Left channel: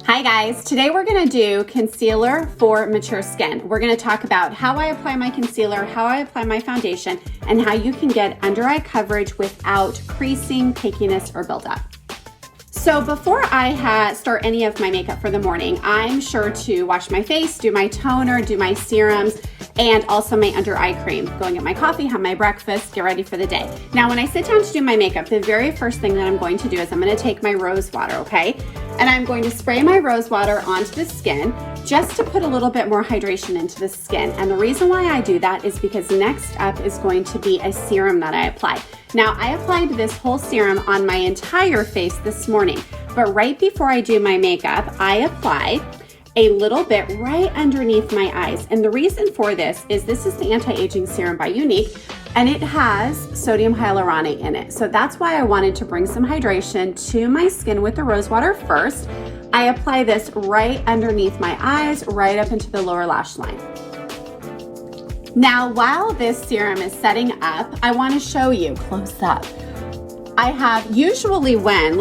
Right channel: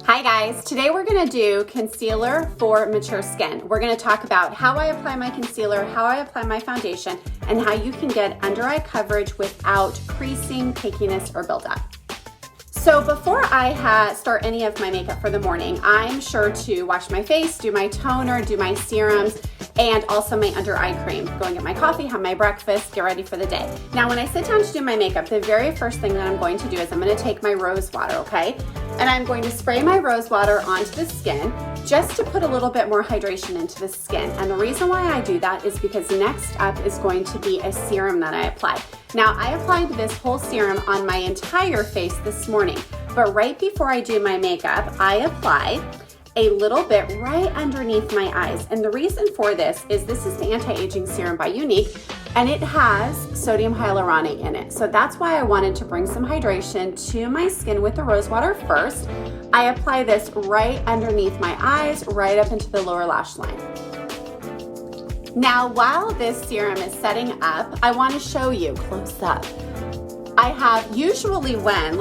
Hi guys, today we're gonna do concealer for mature skin. We're gonna talk about how I apply my concealer, how I apply my foundation, and how you can get under eye coverage without creasing, cakiness, or buildup. So before I start any of my makeup for the morning, I'm sure to wash my face, do my toner, do my serums, and also my under eye cream. Go and get my coffee, have my breakfast, get ready for the day. Now when I sit down to do my makeup, the very first thing that I'm going to do is I'm going to take my rose water, okay? And I'm going to spray my rose water onto the skin just to put a little bit more hydration into the skin. And the reason why I do that is because next up is going to be a serum that I apply. Now I applied this whole serum on my entire face this morning, but right before I do my makeup, I apply a little bit right underneath my eyes. And the reason for this is the anti-aging serum by Younique, and it has sodium hyaluronate in it. So that's why I wanted to bring some hydration to my skin with the rose water first. I apply this right underneath my eyes, right up into the lower lash line. Now, while this serum is setting up, I want to show you close up. I have usually when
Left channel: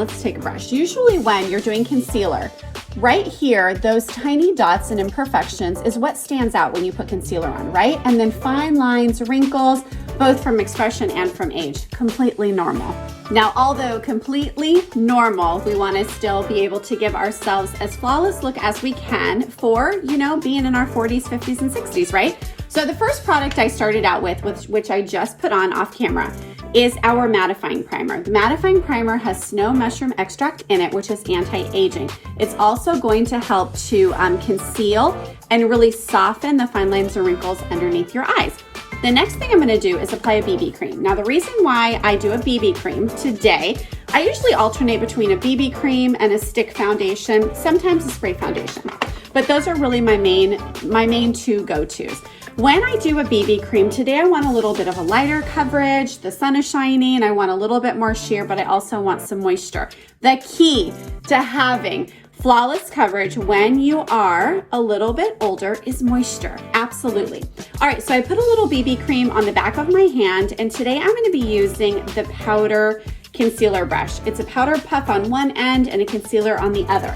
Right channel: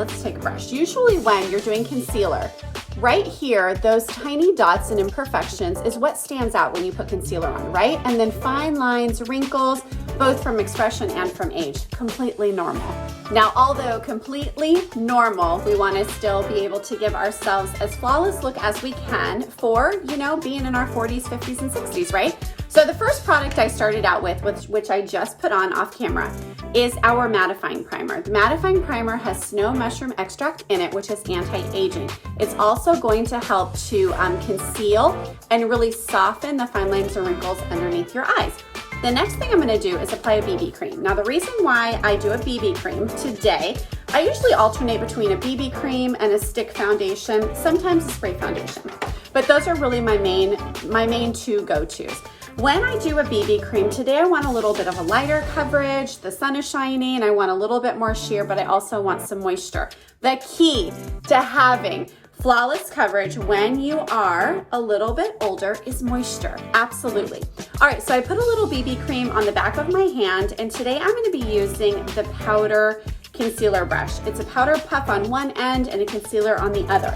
you're doing concealer, right here, those tiny dots and imperfections is what stands out when you put concealer on, right? And then fine lines, wrinkles, both from expression and from age, completely normal. Now, although completely normal, we want to still be able to give ourselves as flawless look as we can for, being in our 40s, 50s, and 60s, right? So the first product I started out with, which I just put on off camera, is our mattifying primer. The mattifying primer has snow mushroom extract in it, which is anti-aging. It's also going to help to conceal and really soften the fine lines and wrinkles underneath your eyes. The next thing I'm gonna do is apply a BB cream. Now the reason why I do a BB cream today, I usually alternate between a BB cream and a stick foundation, sometimes a spray foundation. But those are really my main two go-tos. When I do a BB cream, today I want a little bit of a lighter coverage, the sun is shining, I want a little bit more sheer, but I also want some moisture. The key to having flawless coverage when you are a little bit older is moisture, absolutely. All right, so I put a little BB cream on the back of my hand, and today I'm gonna be using the powder concealer brush. It's a powder puff on one end and a concealer on the other.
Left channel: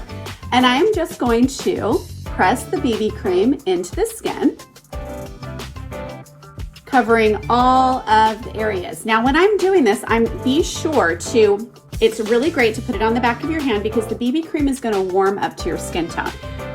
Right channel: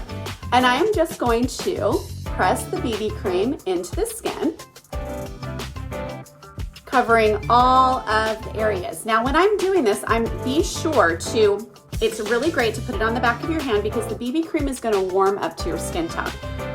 And I am just going to press the BB cream into the skin, covering all of the areas. Now, when I'm doing this, it's really great to put it on the back of your hand because the BB cream is gonna warm up to your skin tone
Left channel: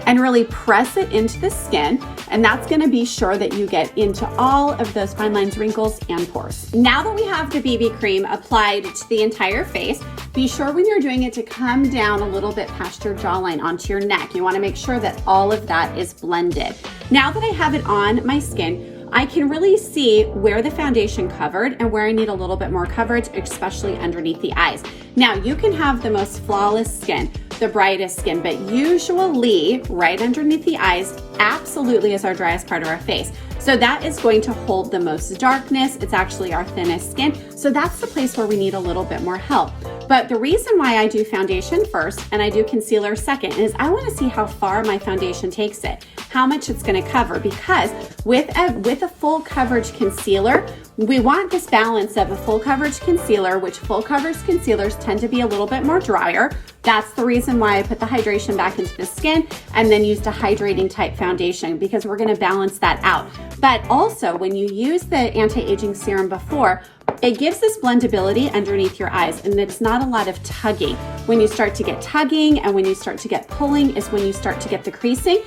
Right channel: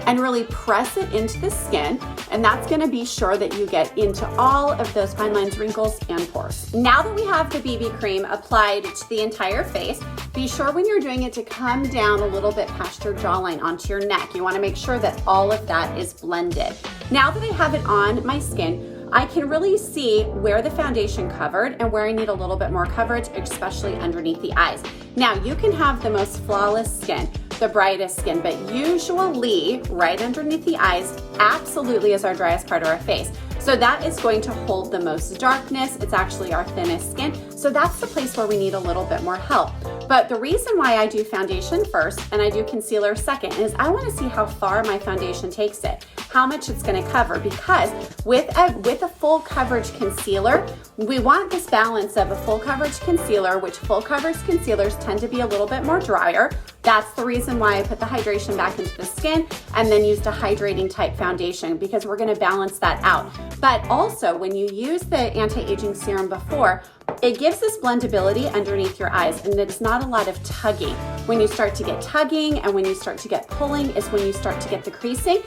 and really press it into the skin. And that's gonna be sure that you get into all of those fine lines, wrinkles, and pores. Now that we have the BB cream applied to the entire face, be sure when you're doing it to come down a little bit past your jawline onto your neck. You wanna make sure that all of that is blended. Now that I have it on my skin, I can really see where the foundation covered and where I need a little bit more coverage, especially underneath the eyes. Now, you can have the most flawless skin, the brightest skin, but usually right underneath the eyes absolutely is our driest part of our face. So that is going to hold the most darkness. It's actually our thinnest skin. So that's the place where we need a little bit more help. But the reason why I do foundation first and I do concealer second is I want to see how far my foundation takes it, how much it's going to cover, because with a full coverage concealer, we want this balance of a full coverage concealer, which full coverage concealers tend to be a little bit more drier. That's the reason why I put the hydration back into the skin and then used a hydrating type foundation, because we're going to balance that out. But also when you use the anti-aging serum before, it gives this blendability underneath your eyes, and there's not a lot of tugging. When you start to get tugging and when you start to get pulling is when you start to get the creasing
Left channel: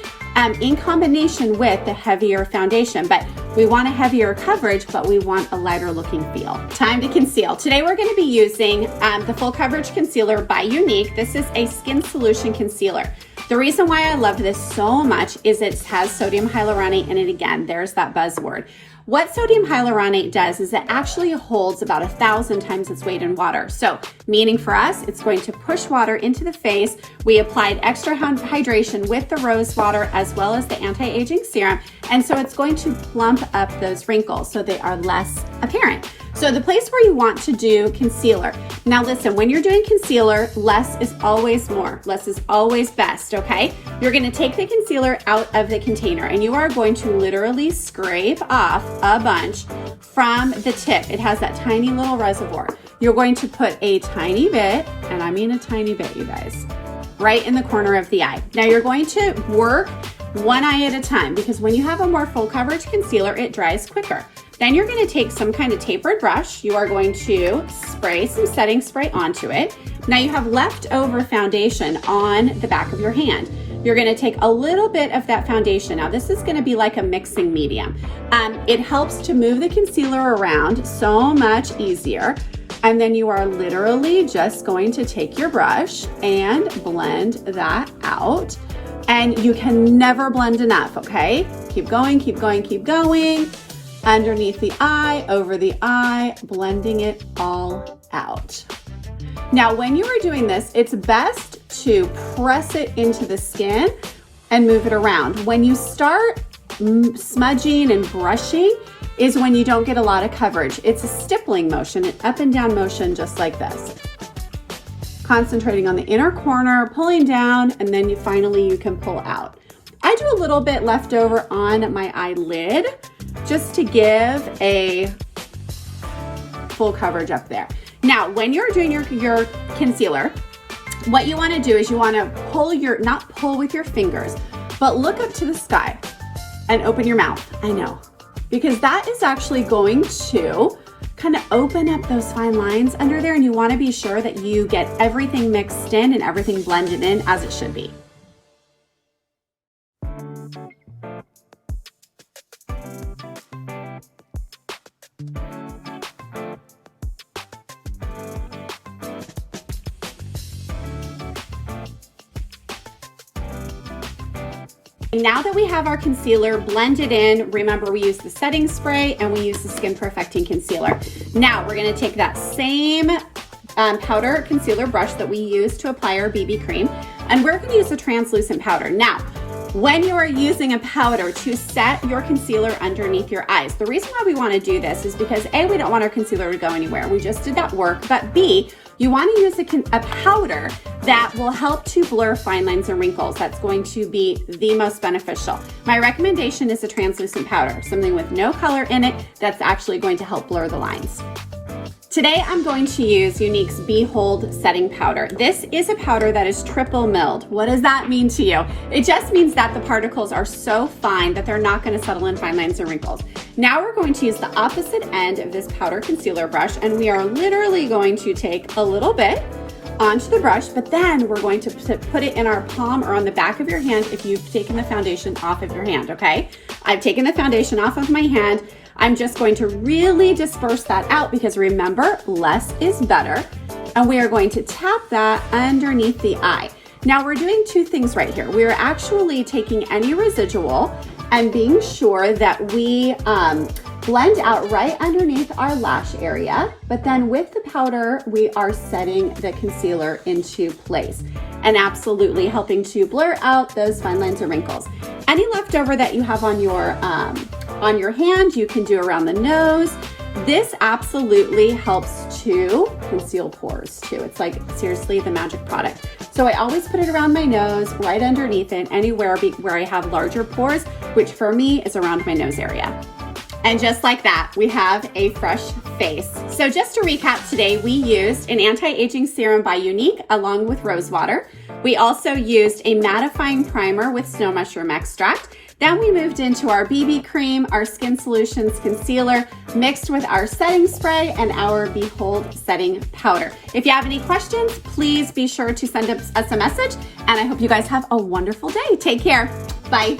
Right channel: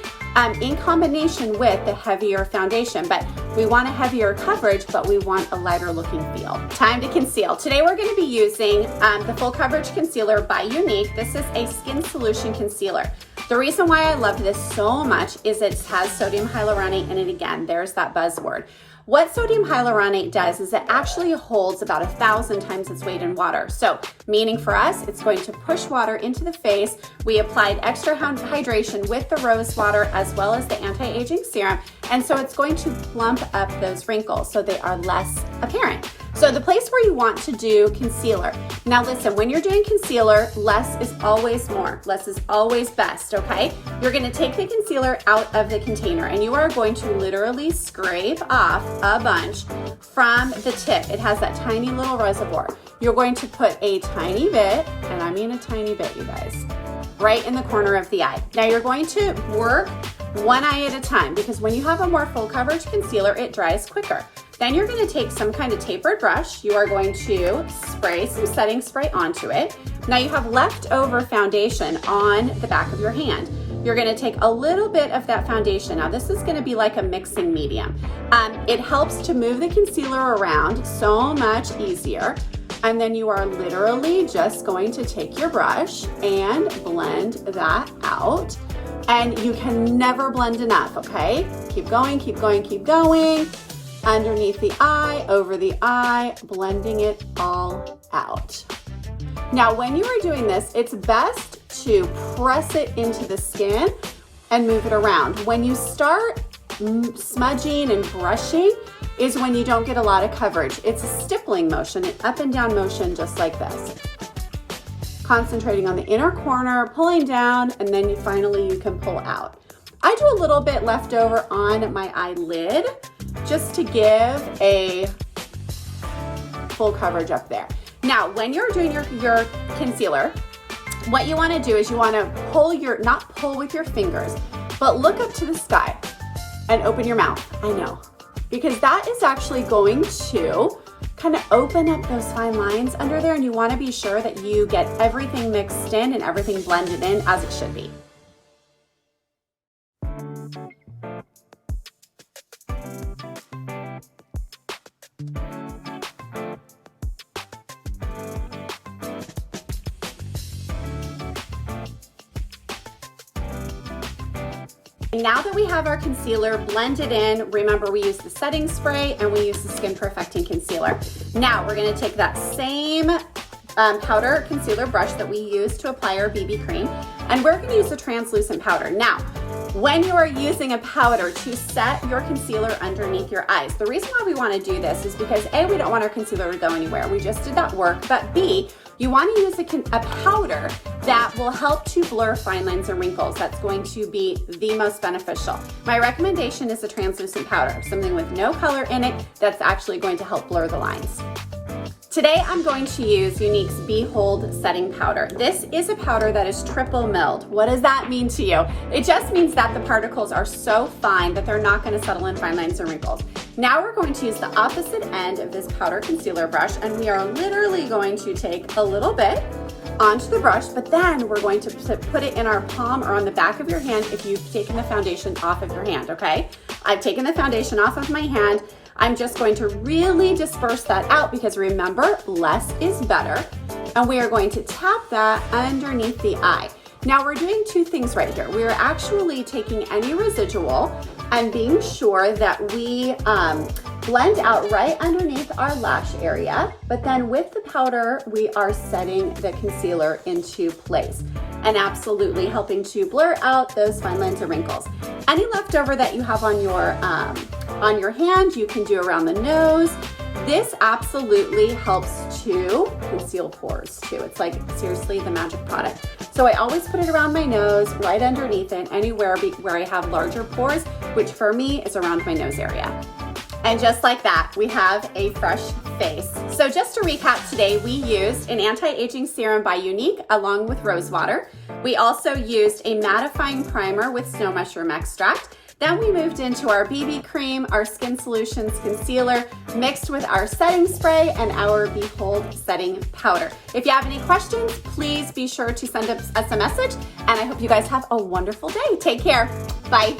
in combination with the heavier foundation. But we want a heavier coverage, but we want a lighter looking feel. Time to conceal. Today we're going to be using the Full Coverage Concealer by Younique. This is a skin solution concealer. The reason why I love this so much is it has sodium hyaluronate in it again. There's that buzzword. What sodium hyaluronate does is it actually holds about 1,000 times its weight in water. So, meaning for us, it's going to push water into the face. We applied extra hydration with the rose water as well as the anti-aging serum. And so it's going to plump up those wrinkles so they are less apparent. So the place where you want to do concealer. Now listen, when you're doing concealer, less is always more. Less is always best, okay? You're gonna take the concealer out of the container and you are going to literally scrape off a bunch from the tip. It has that tiny little reservoir. You're going to put a tiny bit, and I mean a tiny bit, you guys, right in the corner of the eye. Now you're going to work one eye at a time because when you have a more full coverage concealer, it dries quicker. Then you're going to take some kind of tapered brush. You are going to spray some setting spray onto it. Now you have leftover foundation on the back of your hand. You're going to take a little bit of that foundation. Now this is going to be like a mixing medium. It helps to move the concealer around so much easier. And then you are literally just going to take your brush and blend that out. And you can never blend enough, okay? Keep going, keep going, keep going. Underneath the eye, over the eye, blending it all out. Now, when you are doing this, it's best to press it into the skin and move it around. When you start smudging and brushing is when you don't get a lot of coverage. It's a stippling motion, an up and down motion, just like this. Concentrating on the inner corner, pulling down, and then you can pull out. I do a little bit left over on my eyelid just to give a full coverage up there. Now, when you're doing your concealer, what you want to do is you want to not pull with your fingers, but look up to the sky and open your mouth. I know, because that is actually going to kind of open up those fine lines under there, and you want to be sure that you get everything mixed in and everything blended in as it should be. Now that we have our concealer blended in, remember we use the setting spray and we use the skin perfecting concealer. Now we're gonna take that same powder concealer brush that we use to apply our BB cream, and we're gonna use a translucent powder. Now, when you are using a powder to set your concealer underneath your eyes, the reason why we wanna do this is because A, we don't want our concealer to go anywhere. We just did that work, but B, you wanna use a powder that will help to blur fine lines and wrinkles. That's going to be the most beneficial. My recommendation is a translucent powder, something with no color in it that's actually going to help blur the lines. Today I'm going to use Younique's Behold Setting Powder. This is a powder that is triple milled. What does that mean to you? It just means that the particles are so fine that they're not going to settle in fine lines and wrinkles. Now we're going to use the opposite end of this powder concealer brush, and we are literally going to take a little bit onto the brush, but then we're going to put it in our palm or on the back of your hand if you've taken the foundation off of your hand, okay? I've taken the foundation off of my hand. I'm just going to really disperse that out because remember, less is better. And we are going to tap that underneath the eye. Now we're doing two things right here. We're actually taking any residual and being sure that we blend out right underneath our lash area, but then with the powder, we are setting the concealer into place and absolutely helping to blur out those fine lines and wrinkles. Any leftover that you have on your hand, you can do around the nose. This absolutely helps to conceal pores too. It's like seriously the magic product. So I always put it around my nose, right underneath it, anywhere where I have larger pores, which for me is around my nose area. And just like that, we have a fresh face. So just to recap today, we used an anti-aging serum by Younique along with rose water. We also used a mattifying primer with snow mushroom extract. Then we moved into our BB cream, our Skin Solutions concealer, mixed with our setting spray and our Behold setting powder. If you have any questions, please be sure to send us a message, and I hope you guys have a wonderful day. Take care. Bye.